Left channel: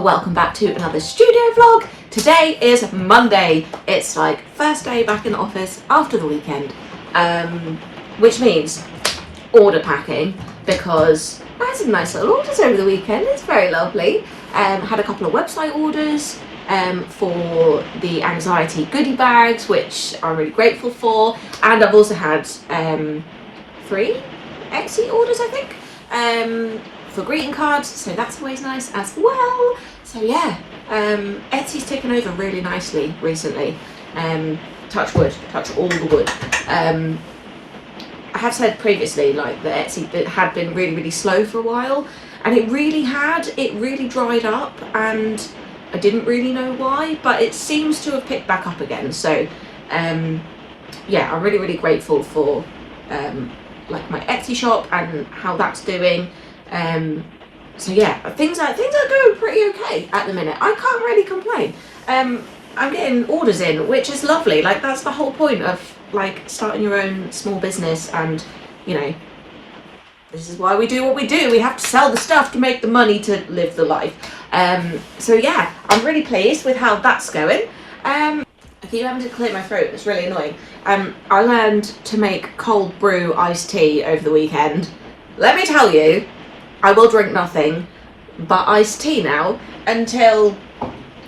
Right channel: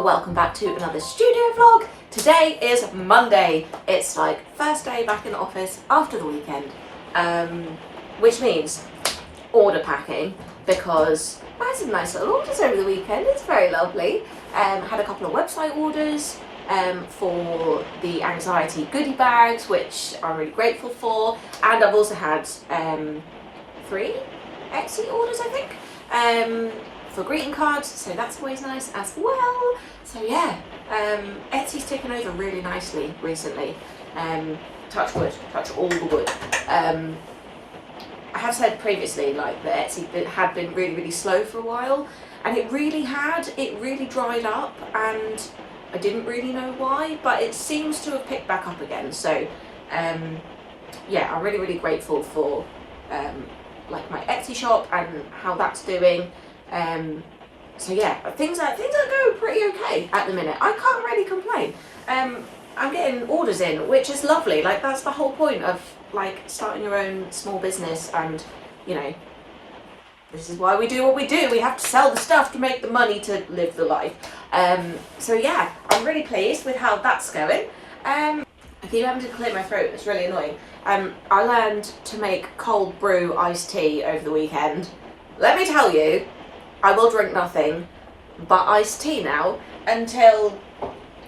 welcome back to another studio vlog. Today is Monday. It's like first day back in the office after the weekend, which means order packing, because I had some nice little orders over the weekend. It's very lovely. Had a couple of website orders for the anxiety goodie bags, which I'm really grateful for, and I've also had 3 Etsy orders, I think, for greeting cards, so that's always nice as well. So yeah, Etsy's taken over really nicely recently. Touch wood, touch all the wood. I have said previously, like, that Etsy had been really slow for a while, and it really dried up, and I didn't really know why, but it seems to have picked back up again. So yeah, I'm really grateful for like my Etsy shop and how that's doing. So yeah, things are going pretty okay at the minute. I can't really complain. I'm getting orders in, which is lovely. Like, that's the whole point of like starting your own small business, and you know, this is why we do what we do. We have to sell the stuff to make the money to live the life. So yeah, I'm really pleased with how that's going. I keep having to clear my throat, it's really annoying. I learned to make cold brew iced tea over the weekend. Let me tell you, I will drink nothing but iced tea now until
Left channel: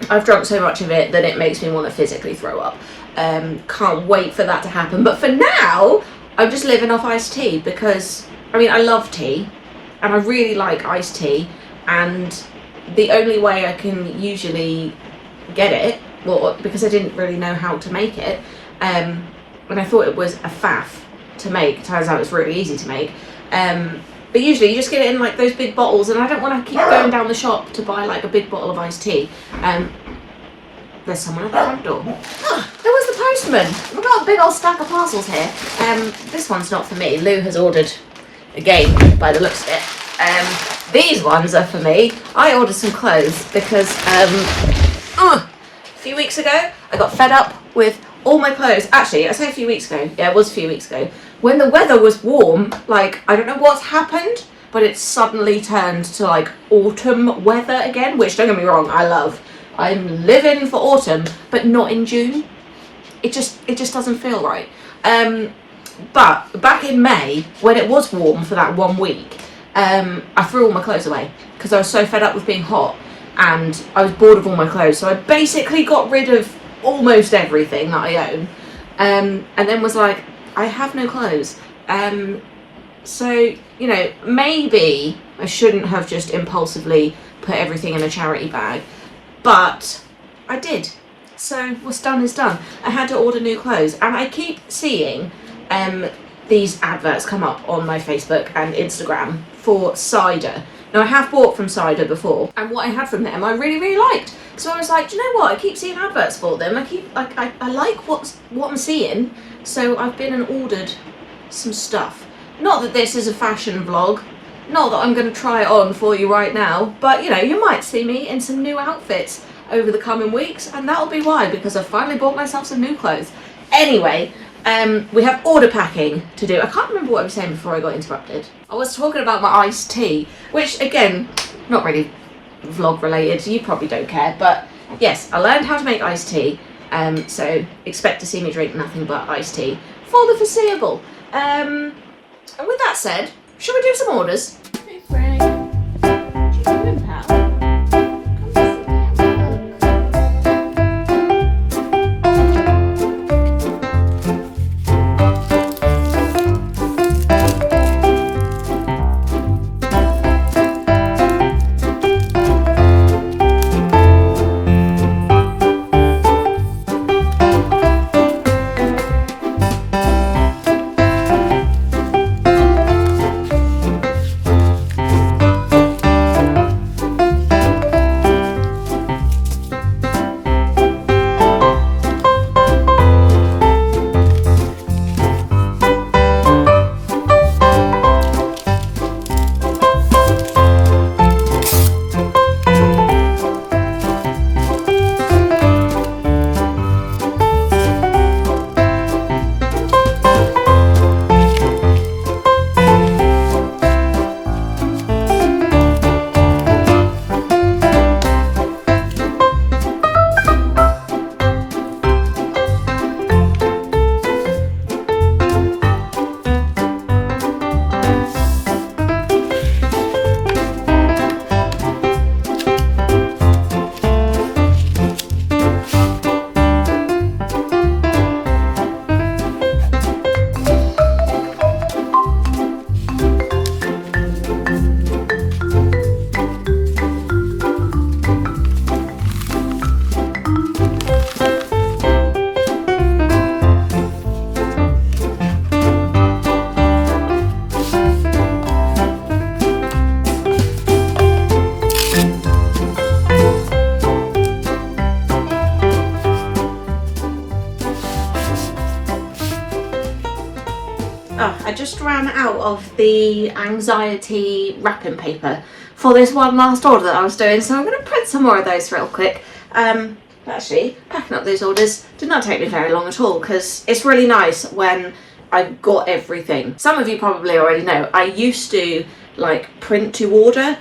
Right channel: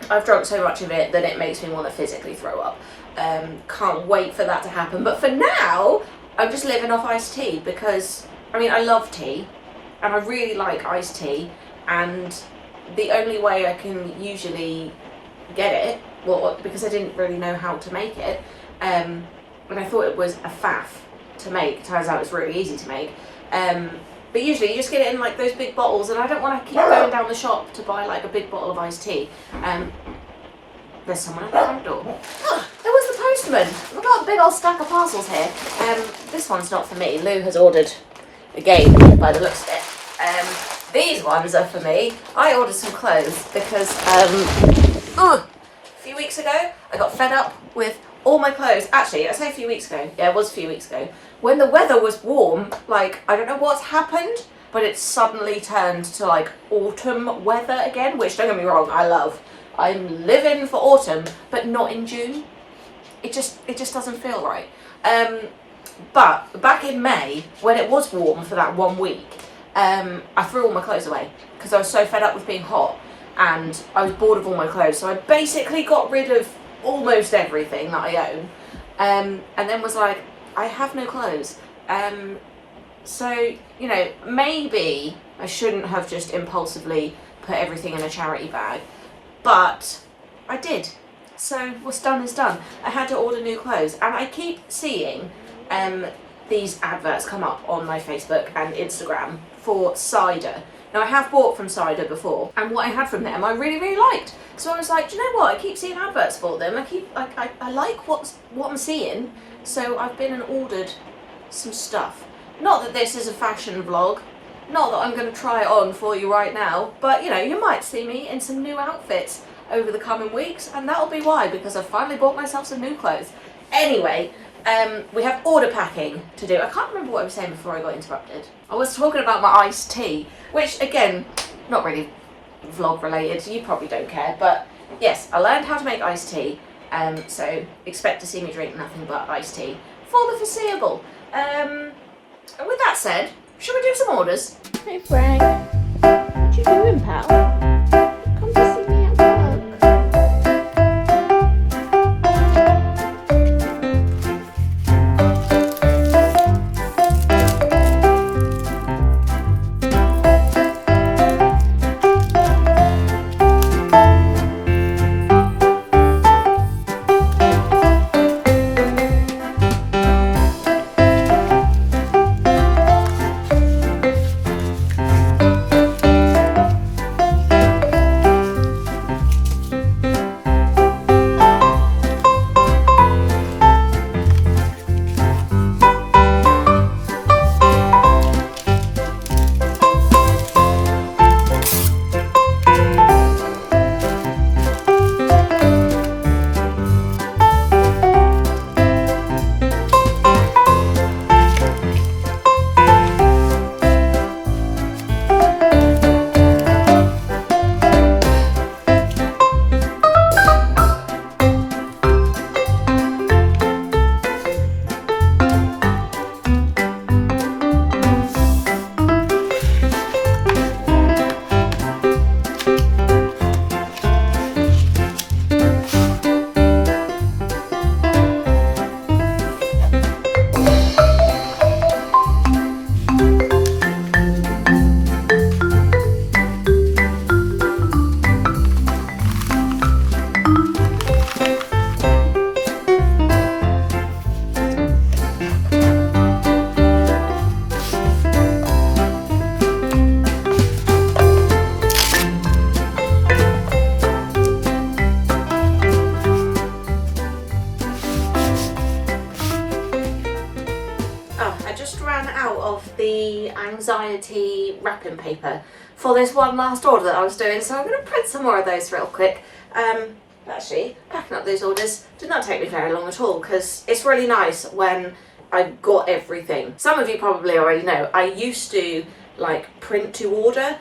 I've drunk so much of it that it makes me want to physically throw up. Can't wait for that to happen. But for now, I'm just living off iced tea because, I mean, I love tea and I really like iced tea, and the only way I can usually get it, well, because I didn't really know how to make it, and I thought it was a faff to make. Turns out it's really easy to make. But usually you just get it in like those big bottles, and I don't want to keep going down the shop to buy like a big bottle of iced tea. There's someone at the front door. Oh, there was the postman. We've got a big old stack of parcels here. This one's not for me. Lou has ordered again by the looks of it. These ones are for me. I ordered some clothes because a few weeks ago I got fed up with all my clothes. Actually, I say a few weeks ago. Yeah, it was a few weeks ago. When the weather was warm, like, I don't know what's happened, but it's suddenly turned to like autumn weather again, which, don't get me wrong, I love. I'm living for autumn, but not in June. It just doesn't feel right. But back in May, when it was warm for that 1 week, I threw all my clothes away because I was so fed up with being hot, and I was bored of all my clothes. So I basically got rid of almost everything that I own, and then was like, I have no clothes. So, you know, maybe I shouldn't have just impulsively put everything in a charity bag, but I did. So what's done is done. I had to order new clothes, and I keep seeing these adverts come up on my Facebook and Instagram for cider. Now, I have bought from cider before, and what I had from them I really liked. So I was like, do you know what? I keep seeing adverts for them. I like what I'm seeing. So I've been and ordered some stuff. Not that this is a fashion vlog, not that I'm going to try it on for you right now, but you know, you might see me in some new outfits over the coming weeks, and that'll be why, because I've finally bought myself some new clothes. Anyway, we have order packing to do. I can't remember what I was saying before I got interrupted. I was talking about my iced tea, which again, not really vlog related, you probably don't care, but yes, I learned how to make iced tea. So expect to see me drink nothing but iced tea for the foreseeable. And with that said, should we do some orders? Hey Frank, what you doing, pal? Come to see me at work. Oh, I just ran out of the anxiety wrapping paper for this one last order that I was doing, so I'm going to print some more of those real quick. Actually, packing up those orders did not take me very long at all, because it's really nice when I've got everything. Some of you probably already know, I used to like print to order,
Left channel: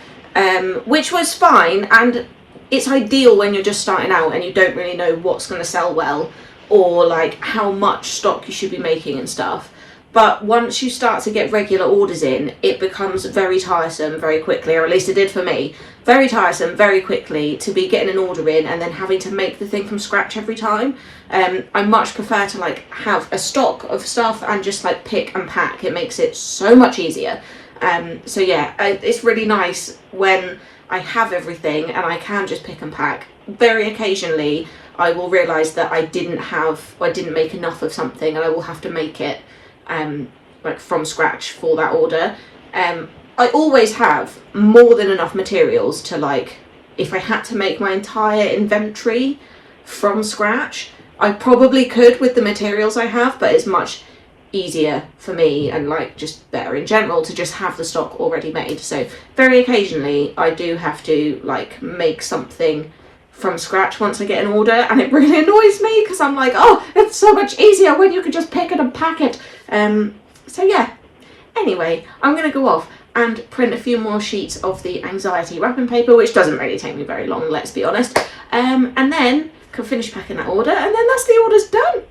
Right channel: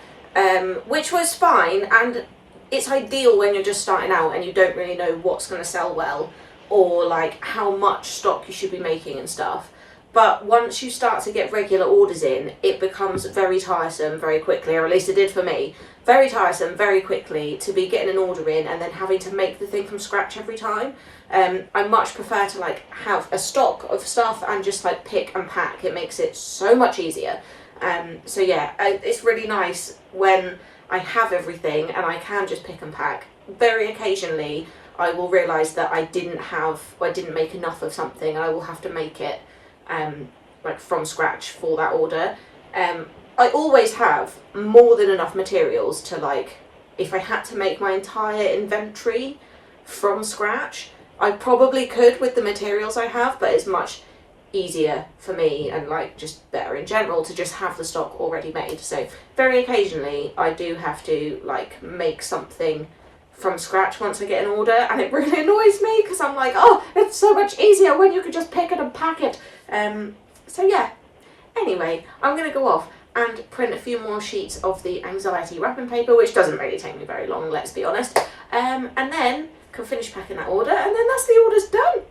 which was fine, and it's ideal when you're just starting out and you don't really know what's going to sell well, or like how much stock you should be making and stuff. But once you start to get regular orders in, it becomes very tiresome very quickly, or at least it did for me. Very tiresome very quickly to be getting an order in and then having to make the thing from scratch every time. I much prefer to like have a stock of stuff and just like pick and pack. It makes it so much easier. So yeah, it's really nice when I have everything and I can just pick and pack. Very occasionally I will realise that I didn't make enough of something, and I will have to make it like from scratch for that order. I always have more than enough materials to, like, if I had to make my entire inventory from scratch, I probably could with the materials I have, but it's much easier for me and like just better in general to just have the stock already made. So very occasionally I do have to like make something from scratch once I get an order, and it really annoys me because I'm like, oh, it's so much easier when you can just pick it and pack it. So yeah, anyway, I'm gonna go off and print a few more sheets of the anxiety wrapping paper, which doesn't really take me very long, let's be honest, and then can finish packing that order, and then that's the order's done.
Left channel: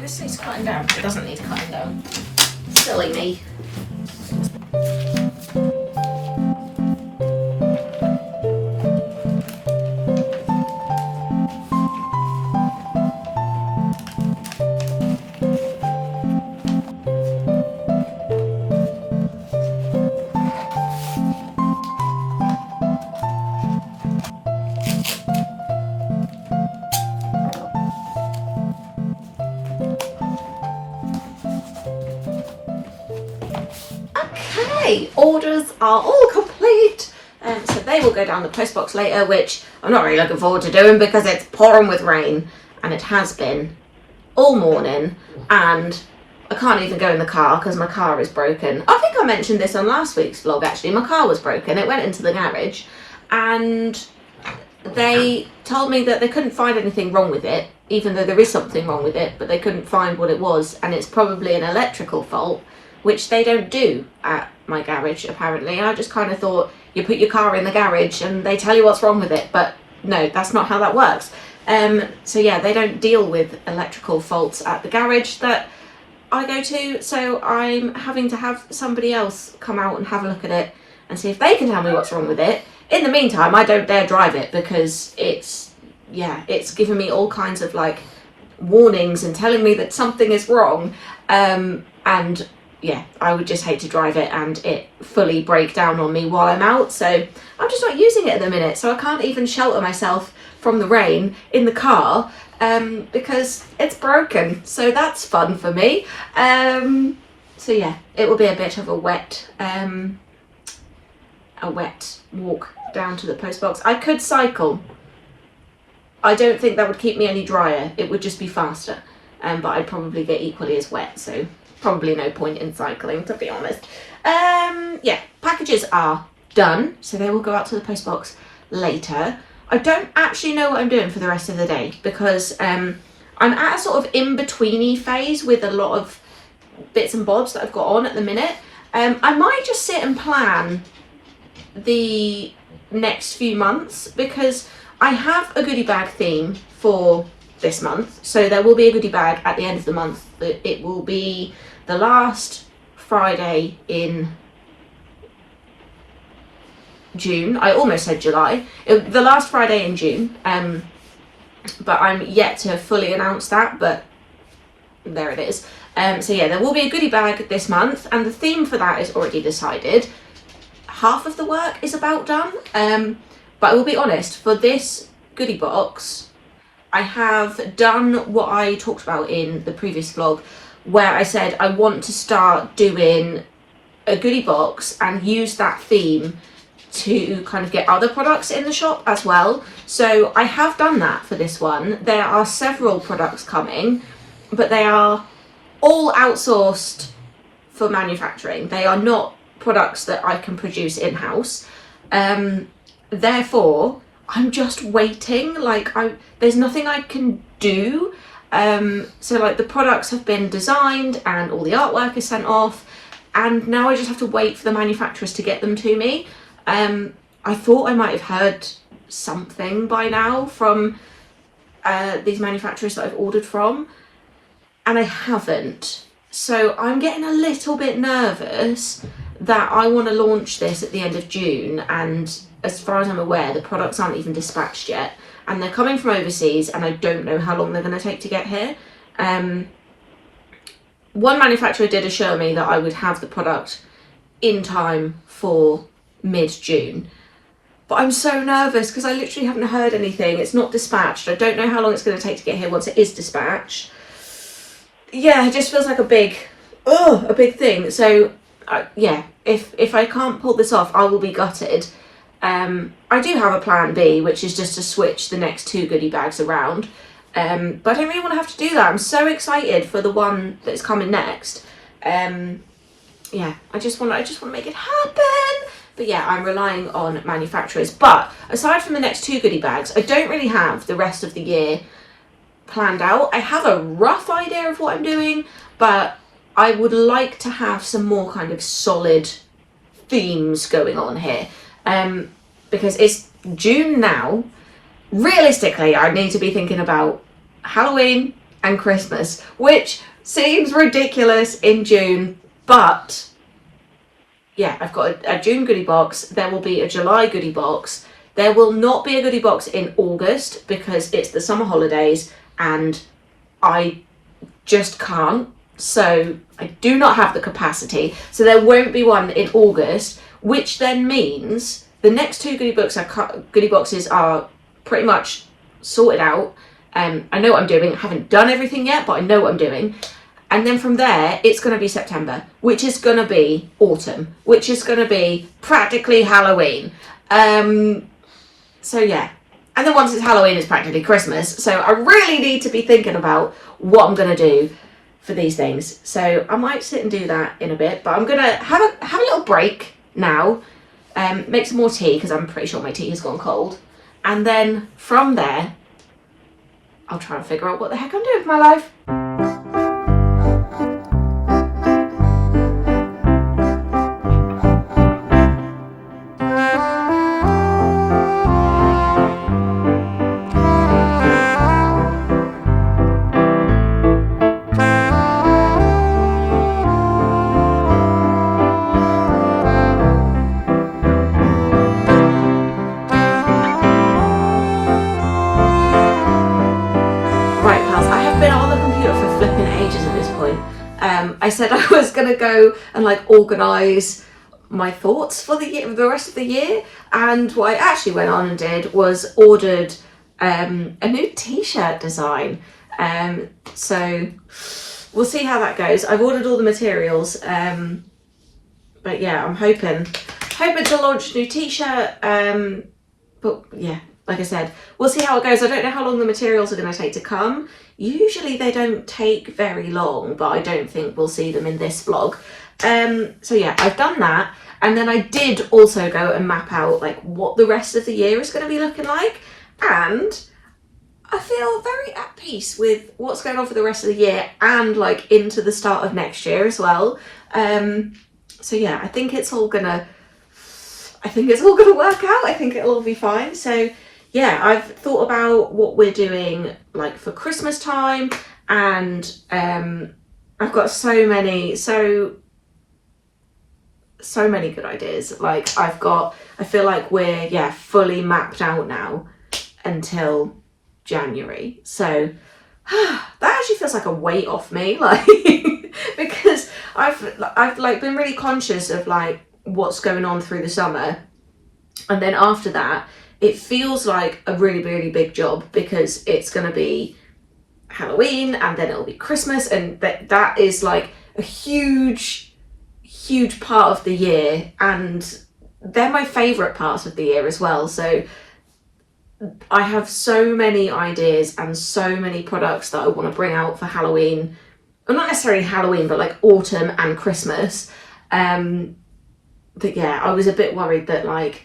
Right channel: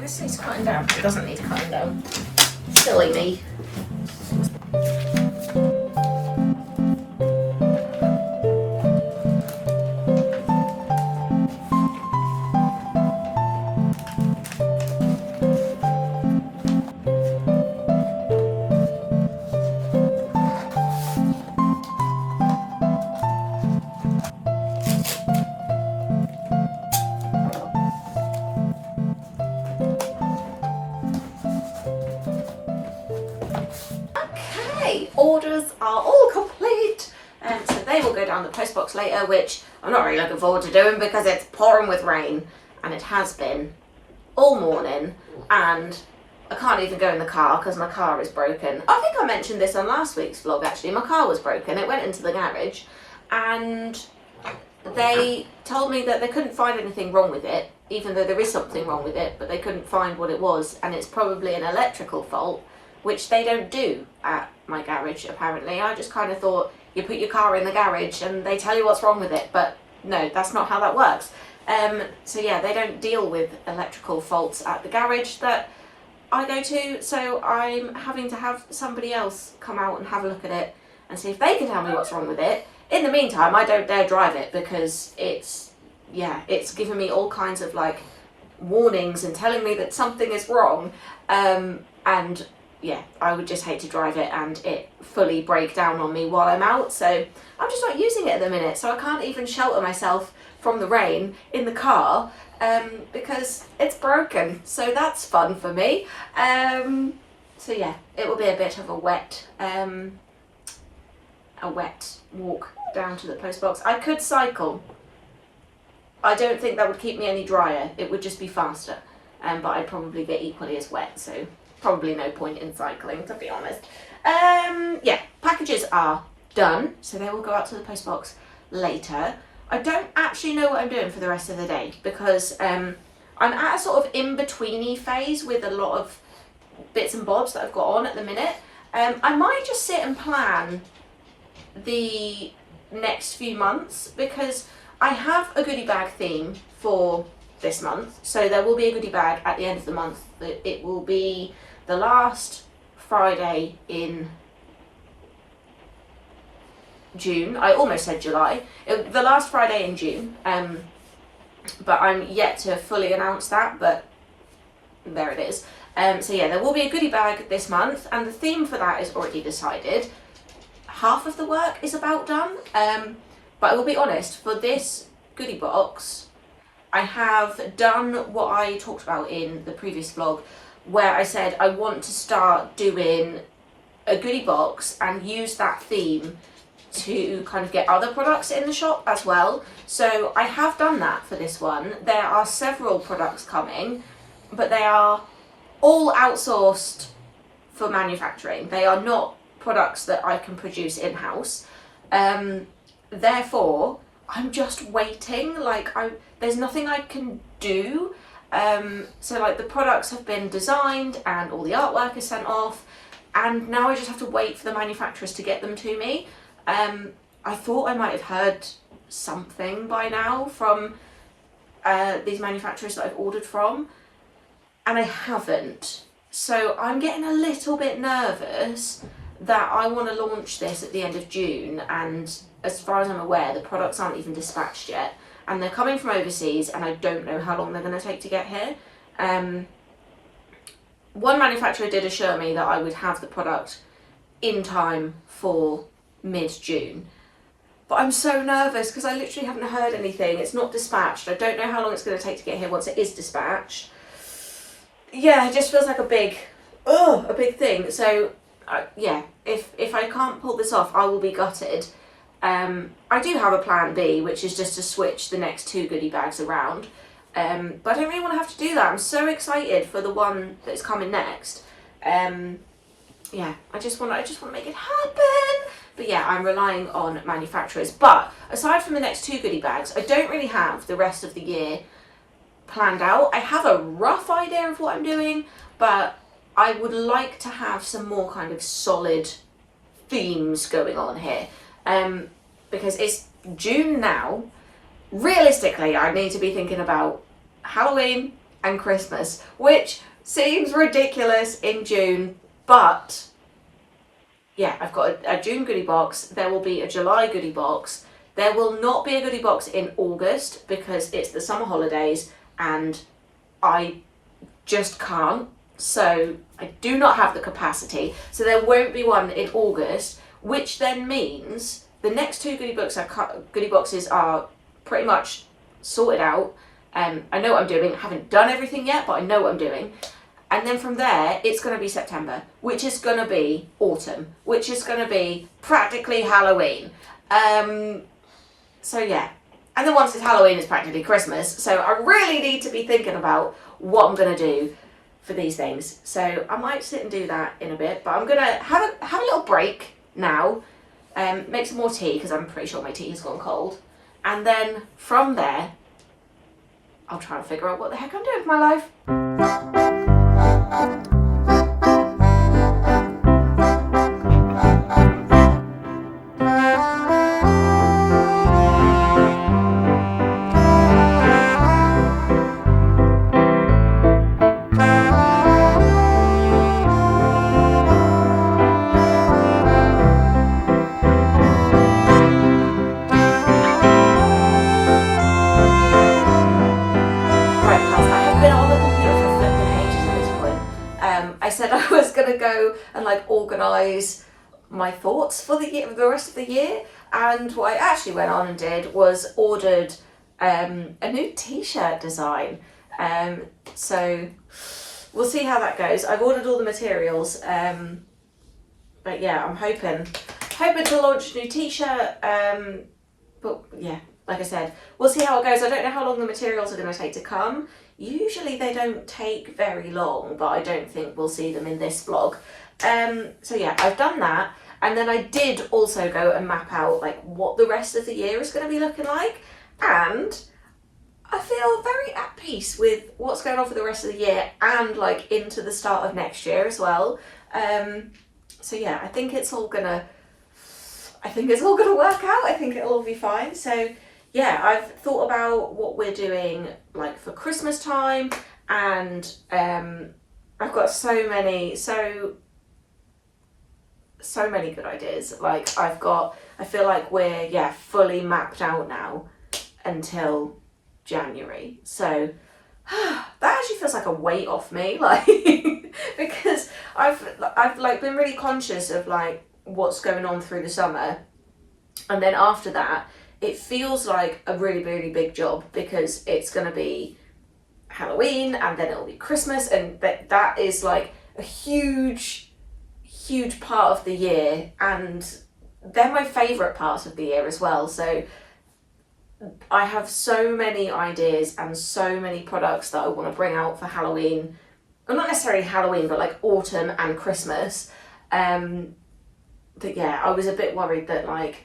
This needs cutting down. It doesn't need cutting down. Silly me. Orders are all complete, so they will go down the postbox later, which I'm not really looking forward to doing because it's pouring with rain, and it has been all morning, and I can't even go in the car because my car is broken. I think I mentioned this on last week's vlog actually. My car was broken. It went into the garage and they told me that they couldn't find anything wrong with it, even though there is something wrong with it, but they couldn't find what it was, and it's probably an electrical fault, which they don't do at my garage apparently. I just kind of thought you put your car in the garage and they tell you what's wrong with it, but no, that's not how that works. So yeah, they don't deal with electrical faults at the garage that I go to, so I'm having to have somebody else come out and have a look at it and see if they can tell me what's wrong with it. In the meantime, I don't dare drive it because it's giving me all kinds of like warnings and telling me that something is wrong, and yeah, I would just hate to drive it and it fully break down on me while I'm out, so I'm just not using it at the minute, so I can't even shelter myself from the rain in the car because it's broken, so that's fun for me. So yeah, it will be a bit of a wet walk down to the post box. I could cycle. I don't think that would keep me any drier, it would just be faster, but I'd probably get equally as wet, so probably no point in cycling, to be honest. Yeah, packages are done, so they will go out to the post box later. I don't actually know what I'm doing for the rest of the day because I'm at a sort of in-betweeny phase with a lot of bits and bobs that I've got on at the minute. I might just sit and plan the next few months, because I have a goodie bag theme for this month. So there will be a goodie bag at the end of the month. It will be the last Friday in June. I almost said July. The last Friday in June. But I'm yet to fully announce that, but there it is. So yeah, there will be a goodie bag this month, and the theme for that is already decided. Half of the work is about done, but I will be honest, for this goodie box, I have done what I talked about in the previous vlog, where I said I want to start doing a goodie box and use that theme to kind of get other products in the shop as well. So I have done that for this one. There are several products coming, but they are all outsourced for manufacturing. They are not products that I can produce in-house. Therefore, I'm just waiting. Like, there's nothing I can do. So like the products have been designed and all the artwork is sent off, and now I just have to wait for the manufacturers to get them to me. I thought I might have heard something by now from these manufacturers that I've ordered from, and I haven't. So I'm getting a little bit nervous that I want to launch this at the end of June, and as far as I'm aware, the products aren't even dispatched yet, and they're coming from overseas, and I don't know how long they're going to take to get here. One manufacturer did assure me that I would have the product in time for mid-June, but I'm so nervous because I literally haven't heard anything. It's not dispatched. I don't know how long it's going to take to get here once it is dispatched. Yeah, it just feels like a big thing. So yeah, if I can't pull this off, I will be gutted. I do have a plan B, which is just to switch the next 2 goodie bags around, but I don't really want to have to do that. I'm so excited for the one that's coming next. Yeah, I just want to make it happen. But yeah, I'm relying on manufacturers. But aside from the next 2 goodie bags, I don't really have the rest of the year planned out. I have a rough idea of what I'm doing, but I would like to have some more kind of solid themes going on here. Because it's June now. Realistically, I need to be thinking about Halloween and Christmas, which seems ridiculous in June, but yeah, I've got a June goodie box. There will be a July goodie box. There will not be a goodie box in August because it's the summer holidays and I just can't. So I do not have the capacity. So there won't be one in August, which then means the next 2 goodie boxes are pretty much sorted out. I know what I'm doing. I haven't done everything yet, but I know what I'm doing. And then from there, it's going to be September, which is going to be autumn, which is going to be practically Halloween. So yeah. And then once it's Halloween, it's practically Christmas. So I really need to be thinking about what I'm going to do for these things. So I might sit and do that in a bit, but I'm going to have a little break now, make some more tea because I'm pretty sure my tea has gone cold. And then from there, I'll try and figure out what the heck I'm doing with my life. I said I was going to go and like organise my thoughts for the year, the rest of the year, and what I actually went on and did was ordered a new t-shirt design. So we'll see how that goes. I've ordered all the materials, but yeah, I'm hoping to launch a new t-shirt. But yeah, like I said, we'll see how it goes. I don't know how long the materials are going to take to come. Usually they don't take very long, but I don't think we'll see them in this vlog. So yeah, I've done that. And then I did also go and map out like what the rest of the year is going to be looking like. And I feel very at peace with what's going on for the rest of the year and like into the start of next year as well. So yeah, I think it's all gonna I think it's all going to work out. I think it'll all be fine. So yeah, I've thought about what we're doing like for Christmas time, and I've got so many good ideas. Like I feel like we're fully mapped out now until January. So that actually feels like a weight off me, like because I've like been really conscious of like what's going on through the summer, and then after that it feels like a really, really big job because it's going to be Halloween and then it'll be Christmas, and that is like a huge part of the year, and they're my favourite parts of the year as well. So I have so many ideas and so many products that I want to bring out for Halloween. Well, not necessarily Halloween, but like autumn and Christmas. But yeah, I was a bit worried that like,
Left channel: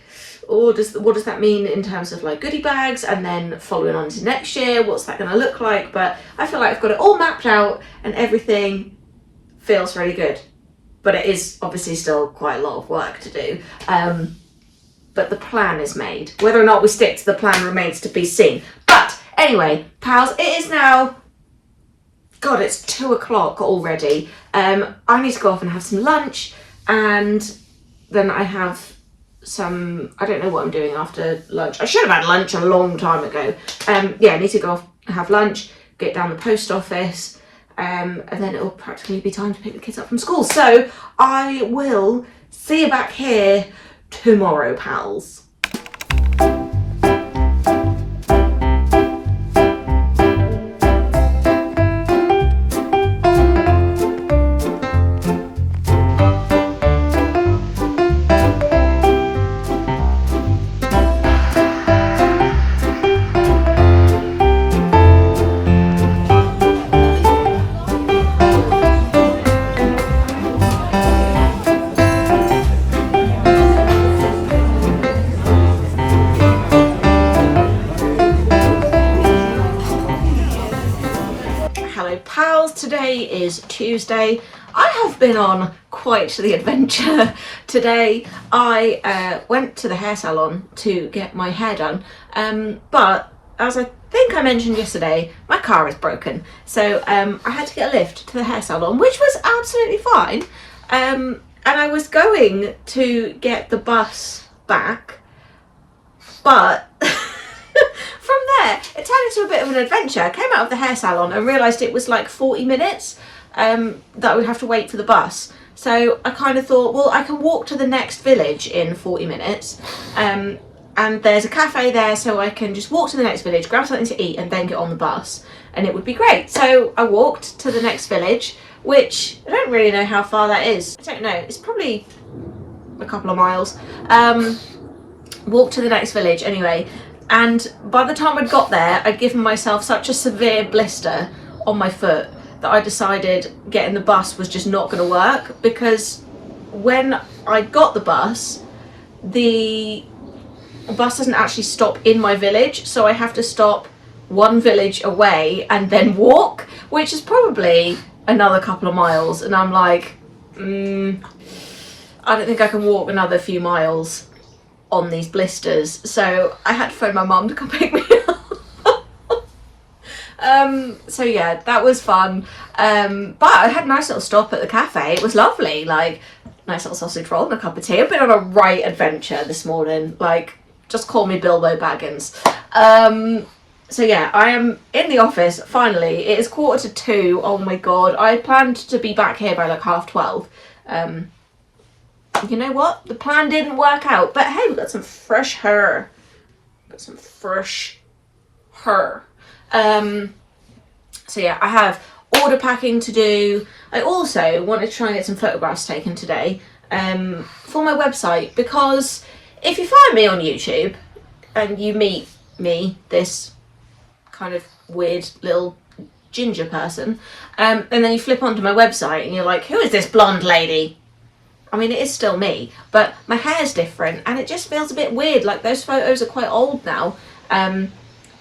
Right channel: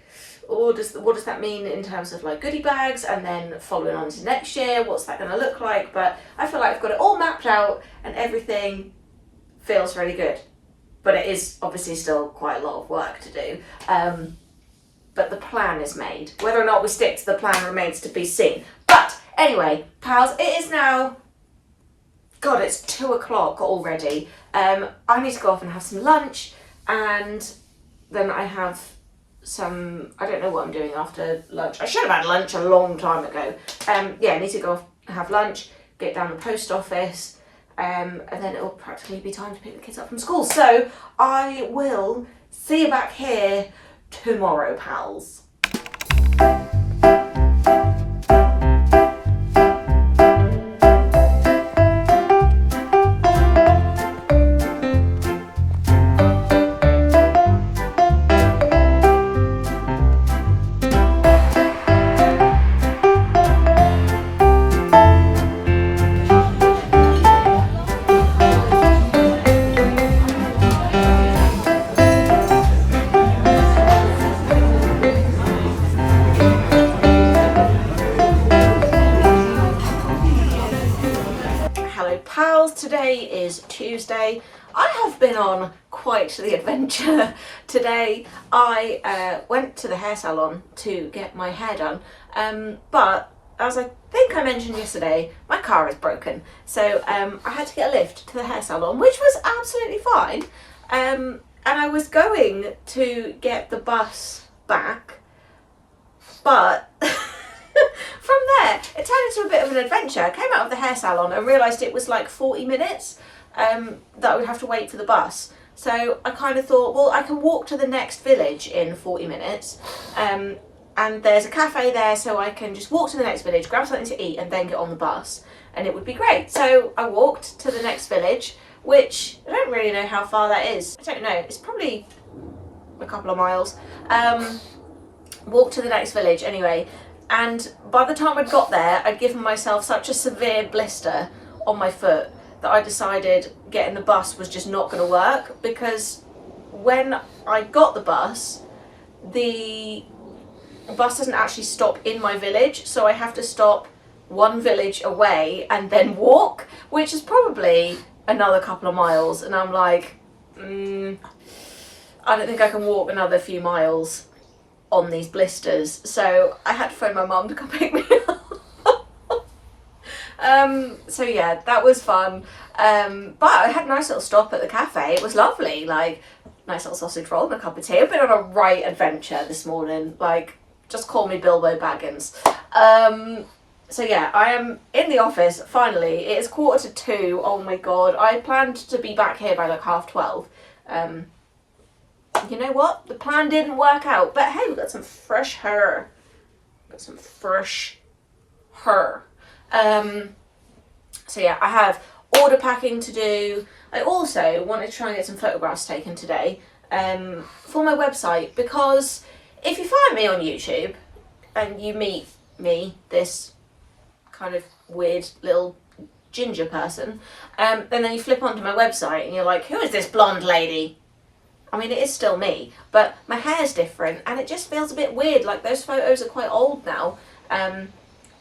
what does that mean in terms of like goodie bags, and then following on to next year, what's that going to look like? But I feel like I've got it all mapped out and everything feels really good. But it is obviously still quite a lot of work to do. But the plan is made. Whether or not we stick to the plan remains to be seen. But anyway, pals, it is now, God, it's 2 o'clock already. I need to go off and have some lunch, and then I have I don't know what I'm doing after lunch. I should have had lunch a long time ago. Yeah, I need to go off and have lunch, get down the post office, and then it'll practically be time to pick the kids up from school. So I will see you back here tomorrow, pals. Today is Tuesday. I have been on quite the adventure today. I went to the hair salon to get my hair done, but as I think I mentioned yesterday, my car is broken. So I had to get a lift to the hair salon, which was absolutely fine. And I was going to get the bus back, but from there, it turned into a bit of an adventure. I came out of the hair salon and realised it was like 40 minutes that I would have to wait for the bus. So I kind of thought, well, I can walk to the next village in 40 minutes. And there's a cafe there, so I can just walk to the next village, grab something to eat, and then get on the bus. And it would be great. So I walked to the next village, which I don't really know how far that is. I don't know. It's probably a couple of miles. Walked to the next village anyway. And by the time I'd got there, I'd given myself such a severe blister on my foot that I decided getting the bus was just not going to work, because when I got the bus doesn't actually stop in my village, so I have to stop one village away and then walk, which is probably another couple of miles, and I'm like, I don't think I can walk another few miles on these blisters, so I had to phone my mum to come pick me up. So yeah, that was fun, but I had a nice little stop at the cafe. It was lovely, like nice little sausage roll and a cup of tea. I've been on a right adventure this morning, like just call me Bilbo Baggins. So yeah, I am in the office finally. It is 1:45. Oh my god, I planned to be back here by like 12:30. You know what? The plan didn't work out, but hey, we've got some fresh hair. So yeah, I have order packing to do. I also wanted to try and get some photographs taken today for my website, because if you find me on YouTube and you meet me, this kind of weird little ginger person, and then you flip onto my website and you're like, who is this blonde lady? I mean, it is still me, but my hair's different and it just feels a bit weird. Like, those photos are quite old now.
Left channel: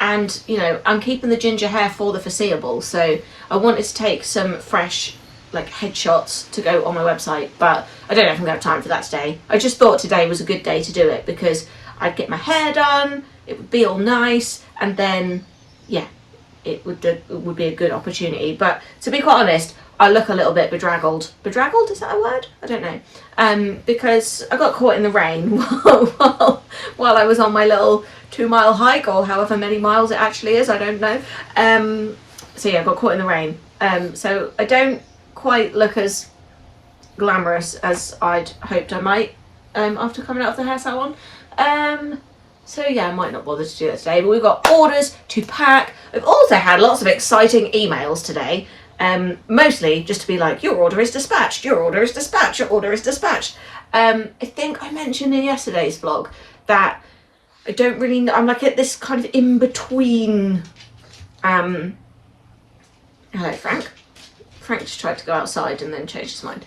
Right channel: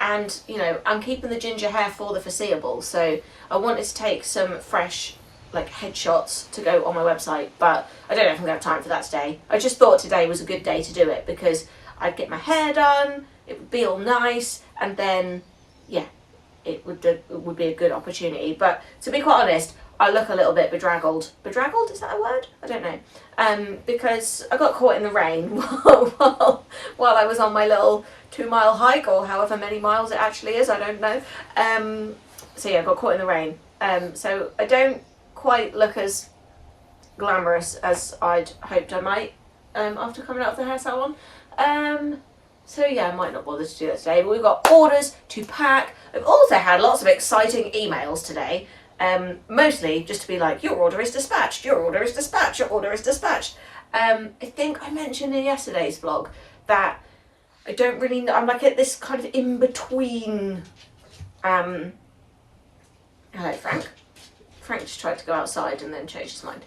And, you know, I'm keeping the ginger hair for the foreseeable. So I wanted to take some fresh like headshots to go on my website, but I don't know if I'm going to have time for that today. I just thought today was a good day to do it because I'd get my hair done, it would be all nice, and then yeah, it would be a good opportunity. But to be quite honest, I look a little bit bedraggled. Bedraggled, is that a word? I don't know. Because I got caught in the rain while I was on my little 2-mile hike, or however many miles it actually is, I don't know. So yeah, I got caught in the rain. So I don't quite look as glamorous as I'd hoped I might after coming out of the hair salon. So yeah, I might not bother to do that today, but we've got orders to pack. We've also had lots of exciting emails today. Mostly just to be like, your order is dispatched, your order is dispatched, your order is dispatched. I think I mentioned in yesterday's vlog that I don't really know, I'm like at this kind of in-between, hello Frank. Frank just tried to go outside and then changed his mind.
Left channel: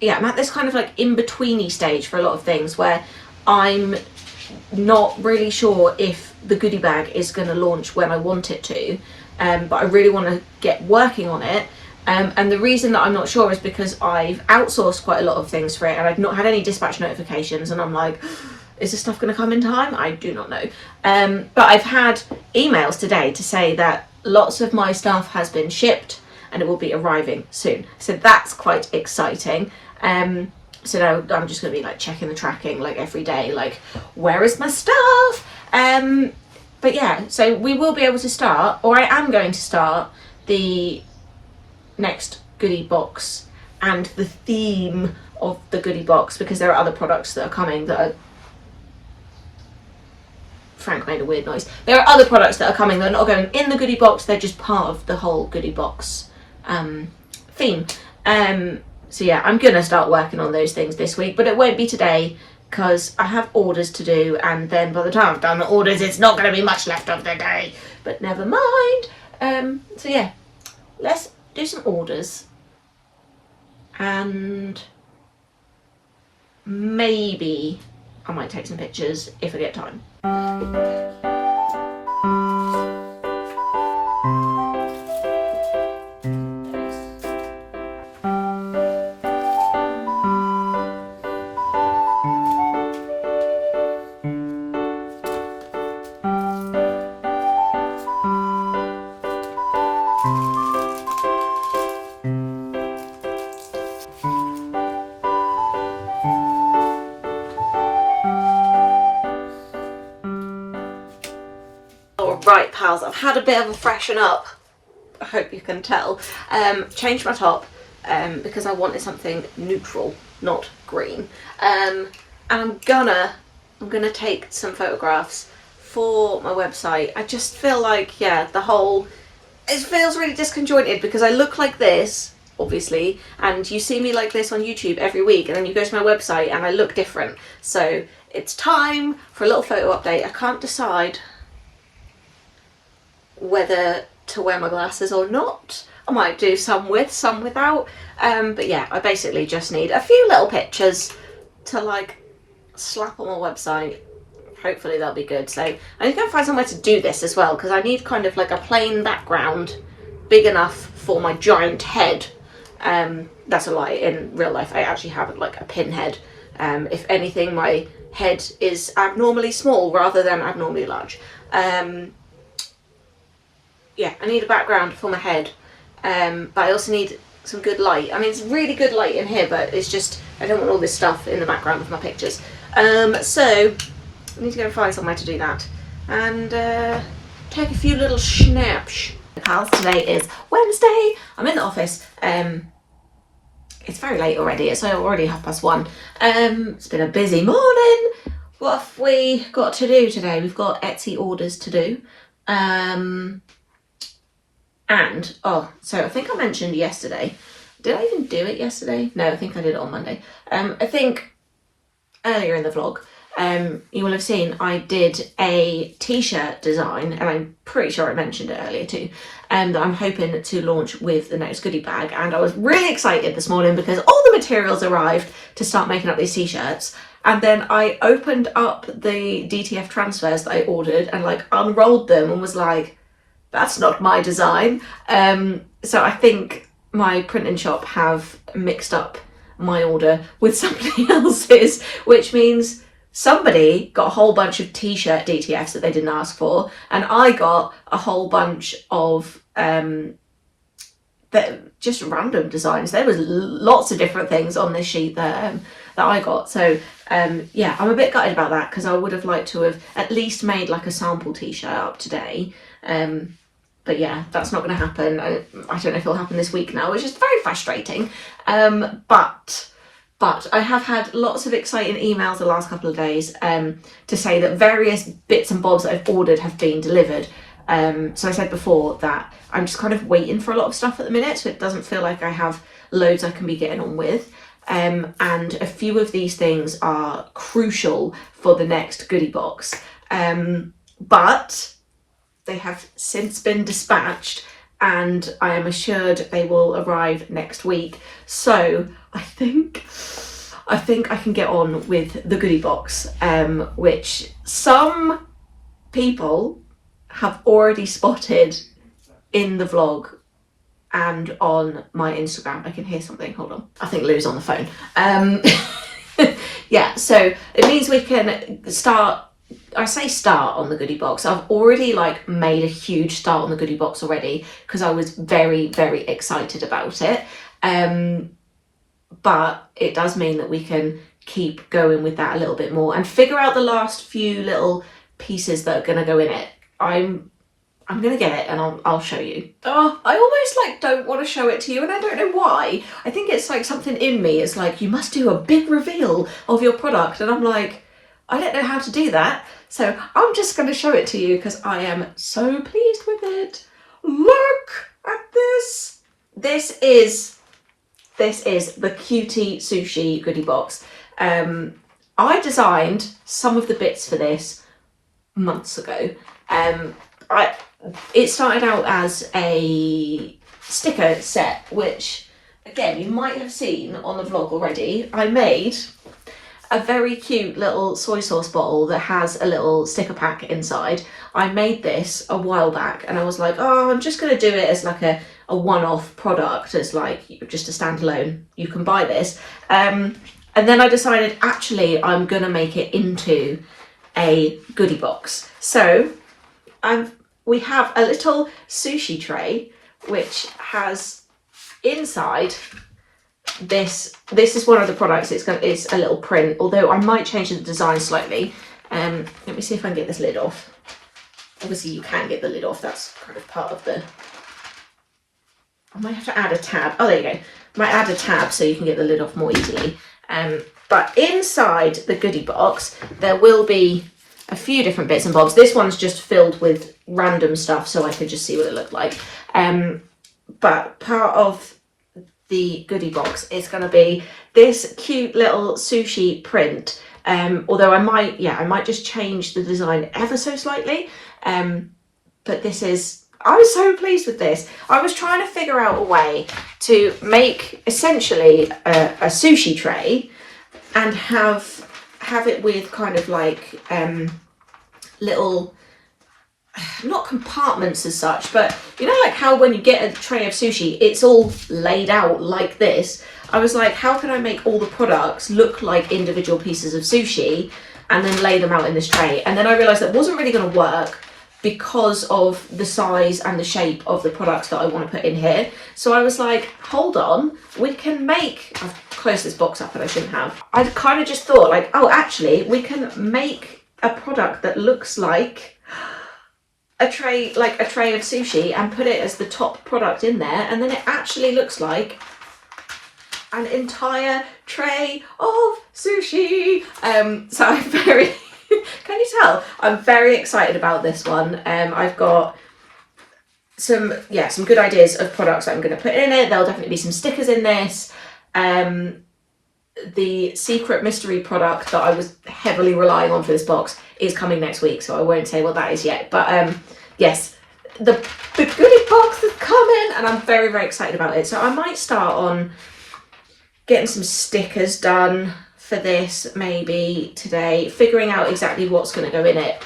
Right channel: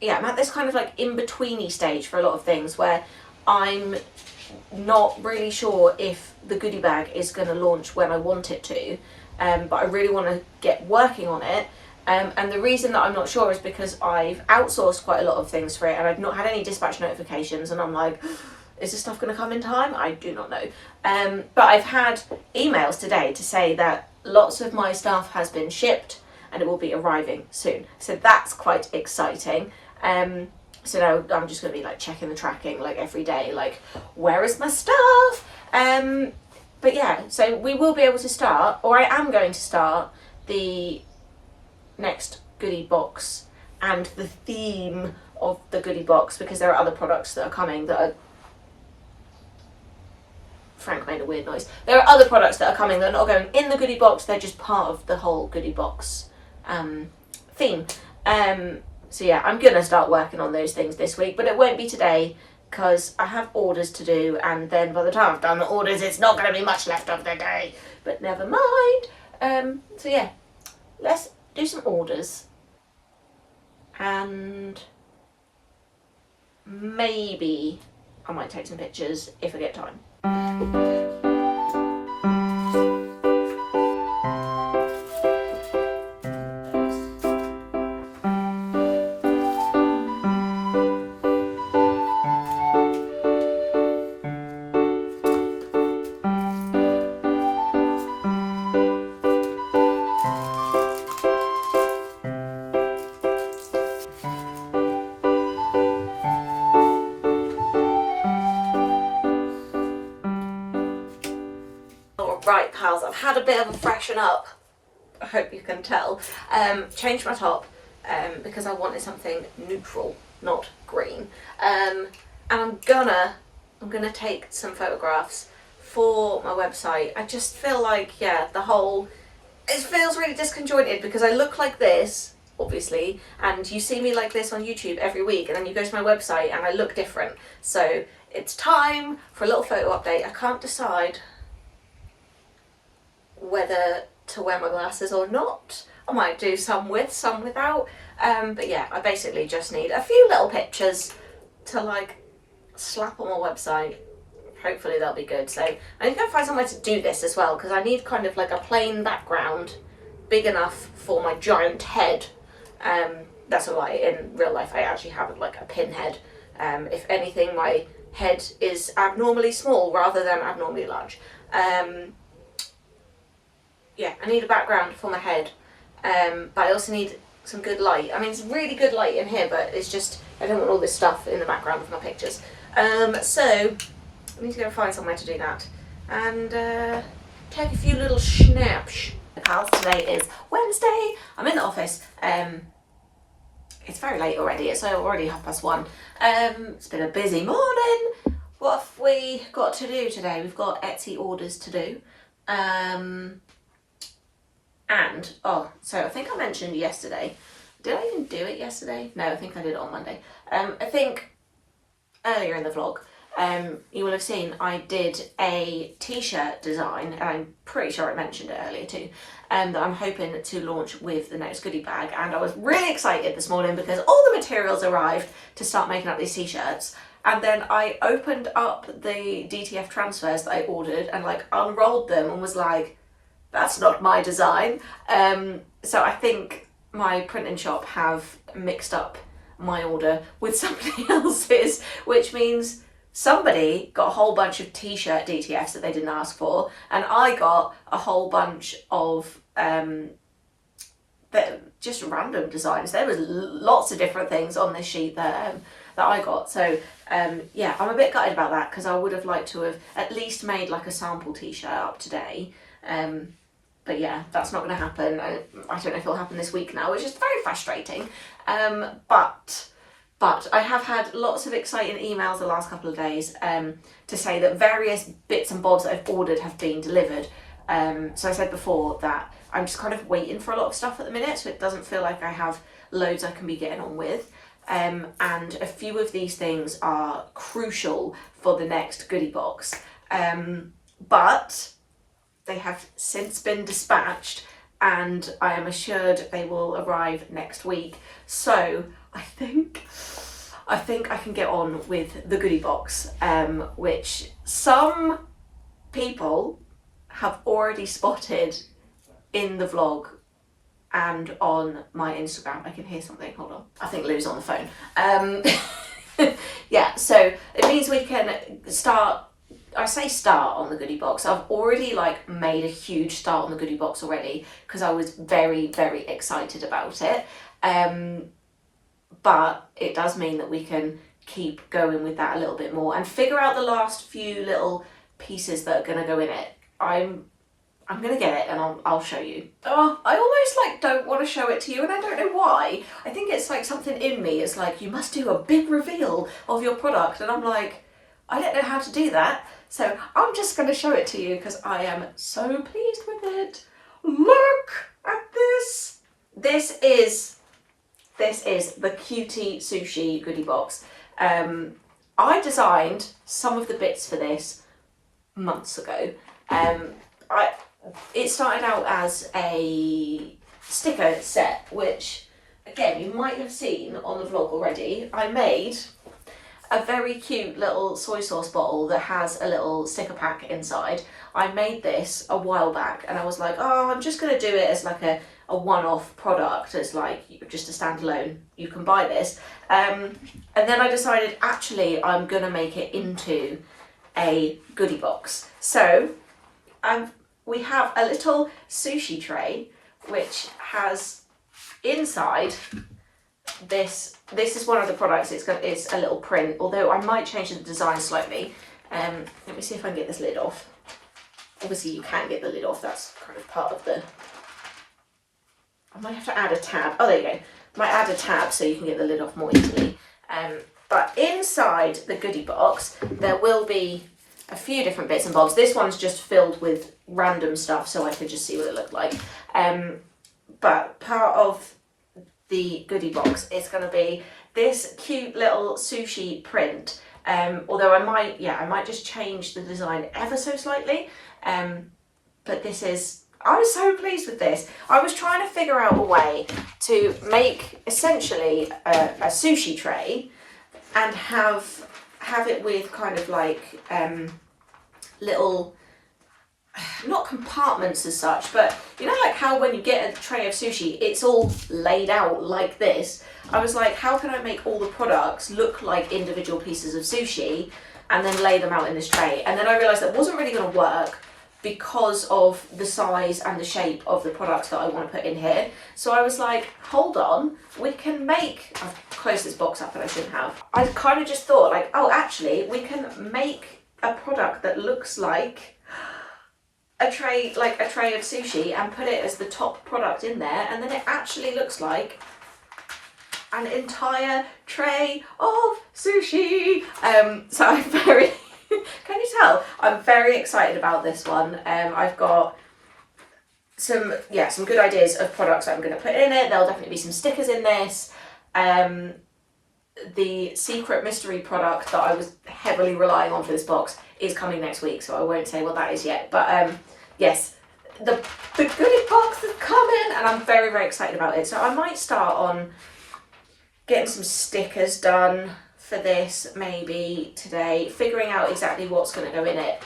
Yeah, I'm at this kind of like in-betweeny stage for a lot of things where I'm not really sure if the goodie bag is going to launch when I want it to. But I really want to get working on it. And the reason that I'm not sure is because I've outsourced quite a lot of things for it and I've not had any dispatch notifications, and I'm like, is this stuff going to come in time? I do not know. But I've had emails today to say that lots of my stuff has been shipped and it will be arriving soon. So that's quite exciting. So now I'm just going to be like checking the tracking like every day, like where is my stuff? But yeah, so we will be able to start, or I am going to start, the next goodie box and the theme of the goodie box, because there are other products that are coming that are... Frank made a weird noise. There are other products that are coming that are not going in the goodie box, they're just part of the whole goodie box theme. So yeah, I'm going to start working on those things this week, but it won't be today, because I have orders to do, and then by the time I've done the orders, it's not going to be much left of the day. But never mind. So yeah, let's do some orders. And maybe I might take some pictures if I get time. Right pals, I've had a bit of a freshen up, I hope you can tell. Changed my top because I wanted something neutral, not green. And I'm gonna take some photographs for my website. I just feel like, yeah, it feels really disconjointed because I look like this, obviously, and you see me like this on YouTube every week, and then you go to my website and I look different. So it's time for a little photo update. I can't decide whether to wear my glasses or not. I might do some with, some without. But yeah, I basically just need a few little pictures to like slap on my website. Hopefully they'll be good. So I need to go find somewhere to do this as well, because I need kind of like a plain background big enough for my giant head. That's a lie. In real life I actually have like a pinhead. If anything, my head is abnormally small rather than abnormally large. Yeah, I need a background for my head, but I also need some good light. I mean, it's really good light in here, but it's just, I don't want all this stuff in the background of my pictures. So, I need to go find somewhere to do that, and take a few little snaps. Pals, today is Wednesday, I'm in the office. It's very late already, it's already 1:30. It's been a busy morning. What have we got to do today? We've got Etsy orders to do. And, so I think I mentioned yesterday, did I even do it yesterday? No, I think I did it on Monday. I think earlier in the vlog, you will have seen I did a t-shirt design, and I'm pretty sure I mentioned it earlier too, that I'm hoping to launch with the next goodie bag. And I was really excited this morning because all the materials arrived to start making up these t-shirts. And then I opened up the DTF transfers that I ordered and like unrolled them and was like, that's not my design. So I think my printing shop have mixed up my order with somebody else's, which means somebody got a whole bunch of t-shirt DTFs that they didn't ask for, and I got a whole bunch of just random designs. There was lots of different things on this sheet that I got. So yeah, I'm a bit gutted about that because I would have liked to have at least made like a sample t-shirt up today. But yeah, that's not going to happen. I don't know if it'll happen this week now, which is very frustrating. But I have had lots of exciting emails the last couple of days to say that various bits and bobs that I've ordered have been delivered. So I said before that I'm just kind of waiting for a lot of stuff at the minute, so it doesn't feel like I have loads I can be getting on with. And a few of these things are crucial for the next goodie box. But they have since been dispatched and I am assured they will arrive next week. So I think I can get on with the goodie box, which some people have already spotted in the vlog and on my Instagram. I can hear something, hold on. I think Lou's on the phone. Yeah, so it means we can start, I say start on the goodie box. I've already like made a huge start on the goodie box already because I was very, very excited about it. But it does mean that we can keep going with that a little bit more and figure out the last few little pieces that are going to go in it. I'm going to get it and I'll show you. Oh, I almost like don't want to show it to you and I don't know why. I think it's like something in me. It's like, you must do a big reveal of your product. And I'm like, I don't know how to do that. So I'm just going to show it to you because I am so pleased with it. Look at this. This is the Cutie Sushi goodie box. I designed some of the bits for this months ago. It started out as a sticker set, which again, you might have seen on the vlog already. I made a very cute little soy sauce bottle that has a little sticker pack inside. I made this a while back and I was like, oh, I'm just going to do it as like a one-off product, as like just a standalone. You can buy this. And then I decided, actually, I'm going to make it into a goodie box. So we have a little sushi tray, which has inside this is one of the products. It's a little print, although I might change the design slightly. Let me see if I can get this lid off. Obviously you can get the lid off, that's kind of part of the, I might have to add a tab. Oh, there you go. Might add a tab so you can get the lid off more easily. But inside the goodie box there will be a few different bits and bobs. This one's just filled with random stuff so I could just see what it looked like. But part of the goodie box is going to be this cute little sushi print. Although I might just change the design ever so slightly. But this is, I was so pleased with this. I was trying to figure out a way to make essentially a sushi tray and have it with kind of like little, not compartments as such, but you know, like how when you get a tray of sushi, it's all laid out like this. I was like, how can I make all the products look like individual pieces of sushi and then lay them out in this tray? And then I realized that wasn't really going to work because of the size and the shape of the products that I want to put in here. So I was like, hold on, we can make, I've closed this box up and I shouldn't have. I kind of just thought like, oh, actually we can make a product that looks like a tray, like a tray of sushi, and put it as the top product in there, and then it actually looks like an entire tray of sushi. So I'm very can you tell I'm very excited about this one. I've got some good ideas of products that I'm going to put in it. There'll definitely be some stickers in this. The secret mystery product that I was heavily relying on for this box is coming next week, so I won't say what that is yet. But yes, the goodie box is coming and I'm very, very excited about it. So I might start on getting some stickers done for this maybe today, figuring out exactly what's going to go in it.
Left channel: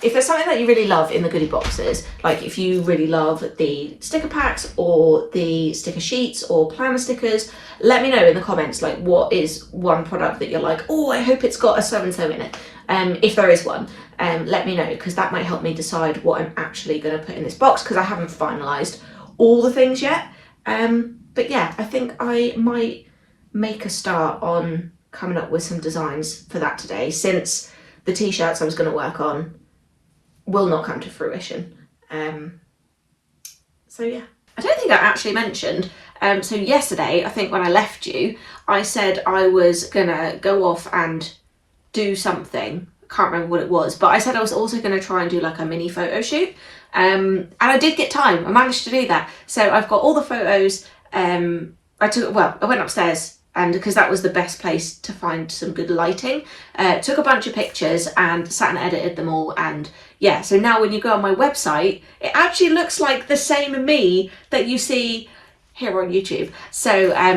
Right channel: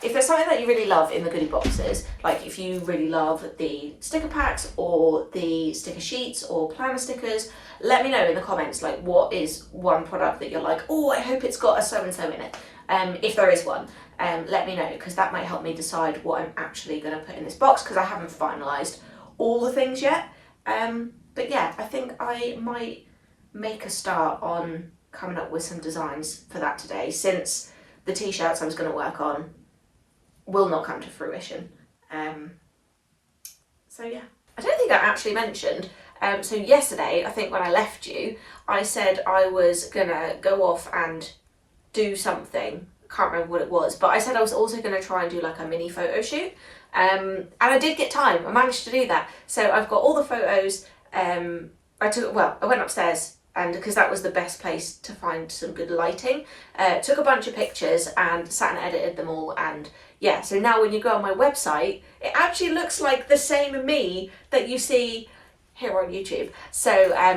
If there's something that you really love in the goodie boxes, like if you really love the sticker packs or the sticker sheets or planner stickers, let me know in the comments, like what is one product that you're like, oh, I hope it's got a so-and-so in it. If there is one, let me know, because that might help me decide what I'm actually going to put in this box, because I haven't finalised all the things yet. But yeah, I think I might make a start on coming up with some designs for that today, since the t-shirts I was going to work on will not come to fruition. So yeah. I don't think I actually mentioned, so yesterday, I think when I left you, I said I was gonna go off and do something. I can't remember what it was, but I said I was also gonna try and do like a mini photo shoot. And I did get time, I managed to do that. So I've got all the photos, I went upstairs, and because that was the best place to find some good lighting, took a bunch of pictures and sat and edited them all. And yeah, so now when you go on my website, it actually looks like the same me that you see here on YouTube. So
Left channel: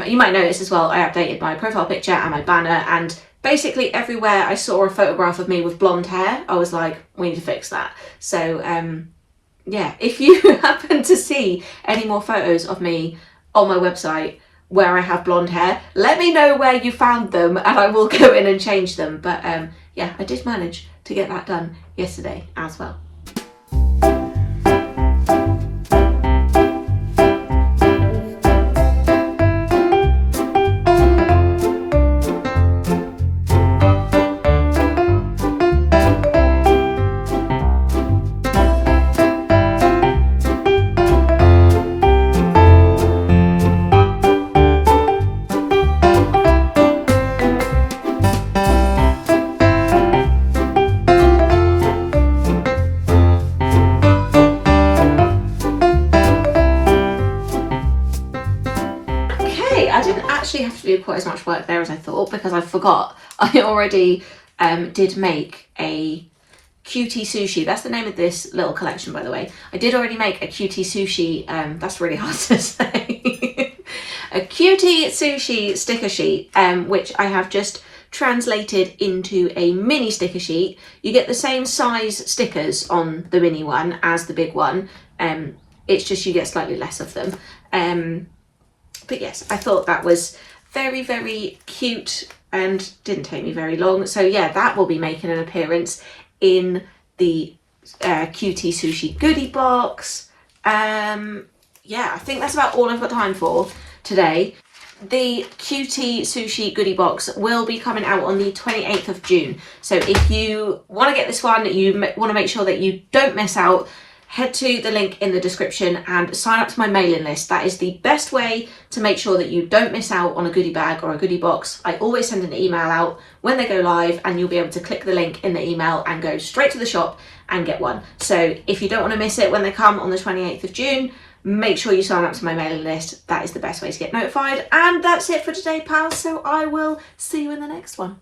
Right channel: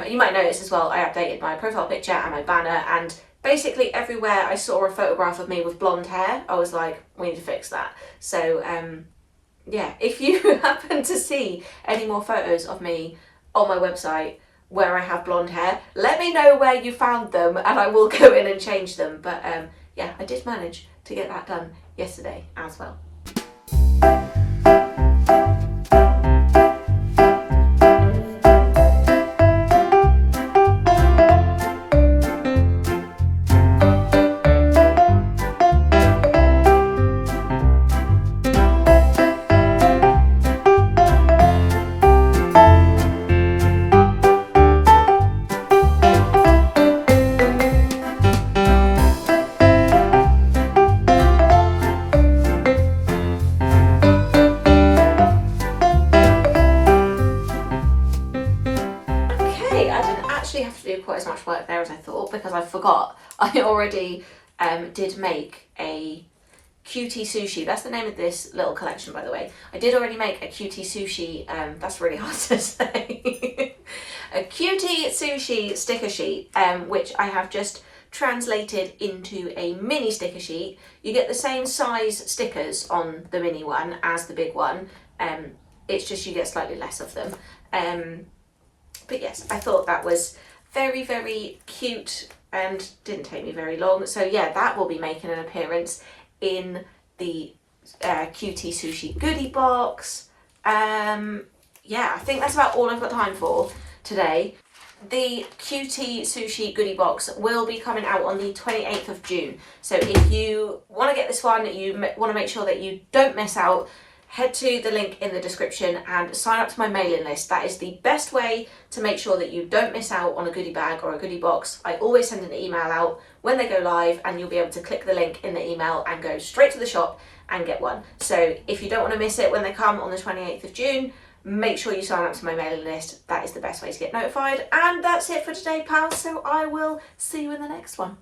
you might notice as well, I updated my profile picture and my banner, and basically everywhere I saw a photograph of me with blonde hair, I was like, we need to fix that. So yeah, if you happen to see any more photos of me on my website where I have blonde hair, let me know where you found them and I will go in and change them. But yeah, I did manage to get that done yesterday as well. Have to do quite as much work there as I thought, because I forgot I already did make a Cutie Sushi. That's the name of this little collection, by the way. I did already make a Cutie Sushi, that's really hard to say, a Cutie Sushi sticker sheet, which I have just translated into a mini sticker sheet. You get the same size stickers on the mini one as the big one, it's just you get slightly less of them. But yes, I thought that was very, very cute and didn't take me very long. So yeah, that will be making an appearance in the Cutie Sushi goodie box. Yeah, I think that's about all I've got time for today. The Cutie Sushi goodie box will be coming out on the 28th of June. So if you want to get this one, you want to make sure that you don't miss out, head to the link in the description and sign up to my mailing list. That is the best way to make sure that you don't miss out on a goodie bag or a goodie box. I always send an email out when they go live, and you'll be able to click the link in the email and go straight to the shop and get one. So if you don't want to miss it when they come on the 28th of June, make sure you sign up to my mailing list. That is the best way to get notified. And that's it for today, pals. So I will see you in the next one.